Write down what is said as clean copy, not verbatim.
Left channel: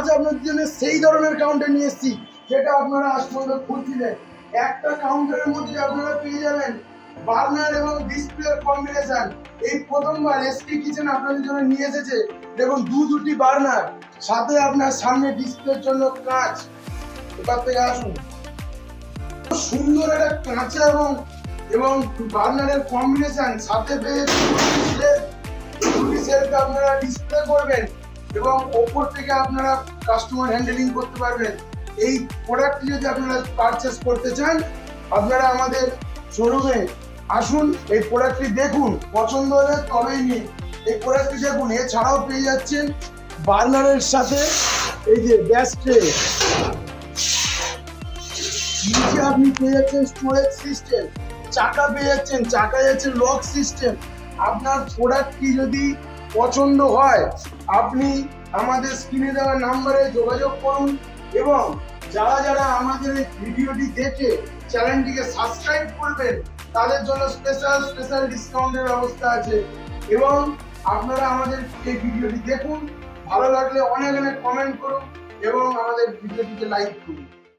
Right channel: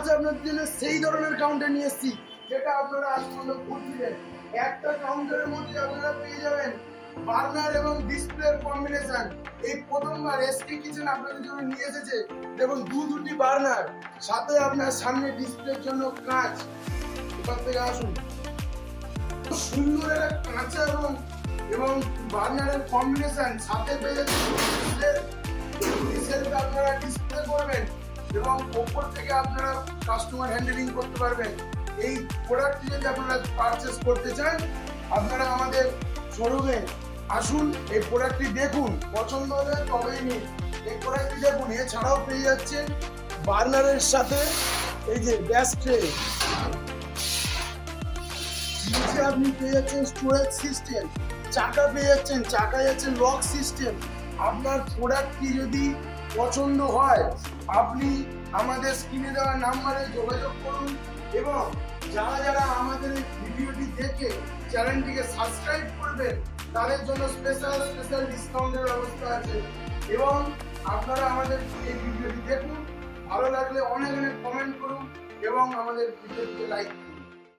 আজ আপনাদের জন্য সেই ধরনের কাউন্টার নিয়ে এসেছি যেটা আপনারা আজ পর্যন্ত খুঁজছিলেন। একটা কাউন্টারের মধ্যে আপনারা পেয়ে যাবেন বার্নার এবং ডিসপ্লের কম্বিনেশন। এই প্রথমবার এসকে কিচেন আপনাদের জন্য নিয়ে এসেছে। দেখুন দুটি বার্নার, সাথে আপনার সামনে ডিসপ্লের জন্য কাঁচ। এবার থেকে আসুন, সুন্দর একটা কাঁচা এবং বার্নারের কম্বিনেশন, সাথে পেয়ে সেলটা আপনারা ডিসপ্লে করবেন এবং ওপর থেকে আপনারা কাস্টমার হ্যান্ডেলিং করতে পারবেন। এই প্রোডাক্টটি যদি আপনারা পারচেস করতে চান, আপনারা আমাদের শোরুমে আসুন, এই প্রোডাক্টটি দেখুন, পছন্দ হলে তবেই নিন। এই প্রোডাক্টটি দেখুন, এছাড়াও পেয়ে যাচ্ছেন বার্নারের সাথে এই যে গ্যাস ট্রে, নিচে আপনি পেয়ে যাচ্ছেন স্টোরেজ সিস্টেম, চাকা পেয়ে যাচ্ছেন, চাকা যাচ্ছে লক সিস্টেম। আপনার প্রোডাক্টটি যদি পছন্দ হয় আপনি আমাদের স্ক্রিনে দেওয়া নাম্বারে যোগাযোগ করুন এবং যারা যারা আমাদের এই ভিডিওটি দেখে চ্যানেলটিকে সাবস্ক্রাইব করবেন তাদের জন্য স্পেশাল ডিসকাউন্টের ব্যবস্থা আছে। এবং আপনারা আমাদের এই ভিডিওটি দেখুন, ভালো লাগলে অনেক কমেন্ট করুন এবং আমাদের ভিডিওটিকে লাইক করুন।